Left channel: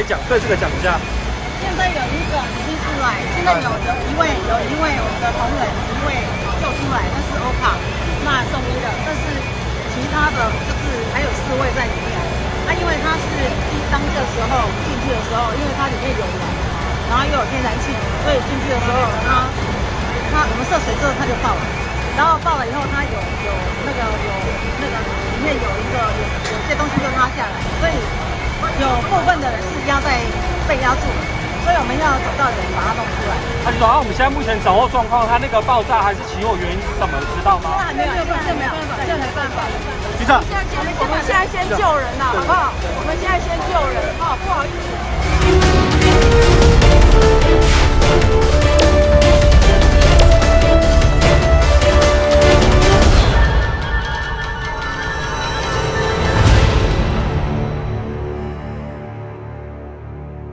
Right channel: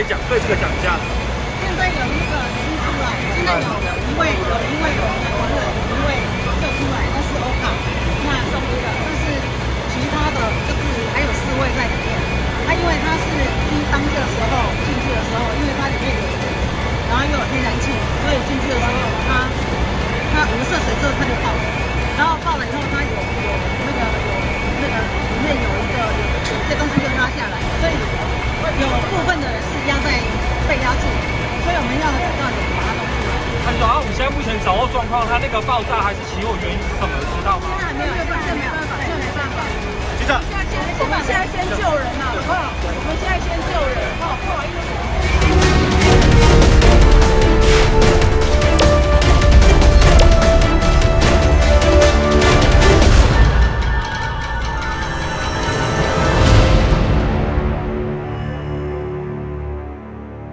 以对这个讲一下。现在有一个已经出来，现在有一位我们的同仁一位做出来，那是欧卡，那送一个，但是其他的就是还有4位在里面。因为它是当这时候进去的时候，因为它里面有人，然后又有天然气，所以进去的时候我们涉水之后它就爆了，然后爆了以后它有里面有些东西就塌下来，所以有部分的人是被压住，所以我们要找到人把它弄出来。我们现在目前掌握状况，它那个爆炸还是起火原因是什么？知道吗？现在还没有，局长，我们现在先救人呐，好不好？我们现在先救人，好，不好意思。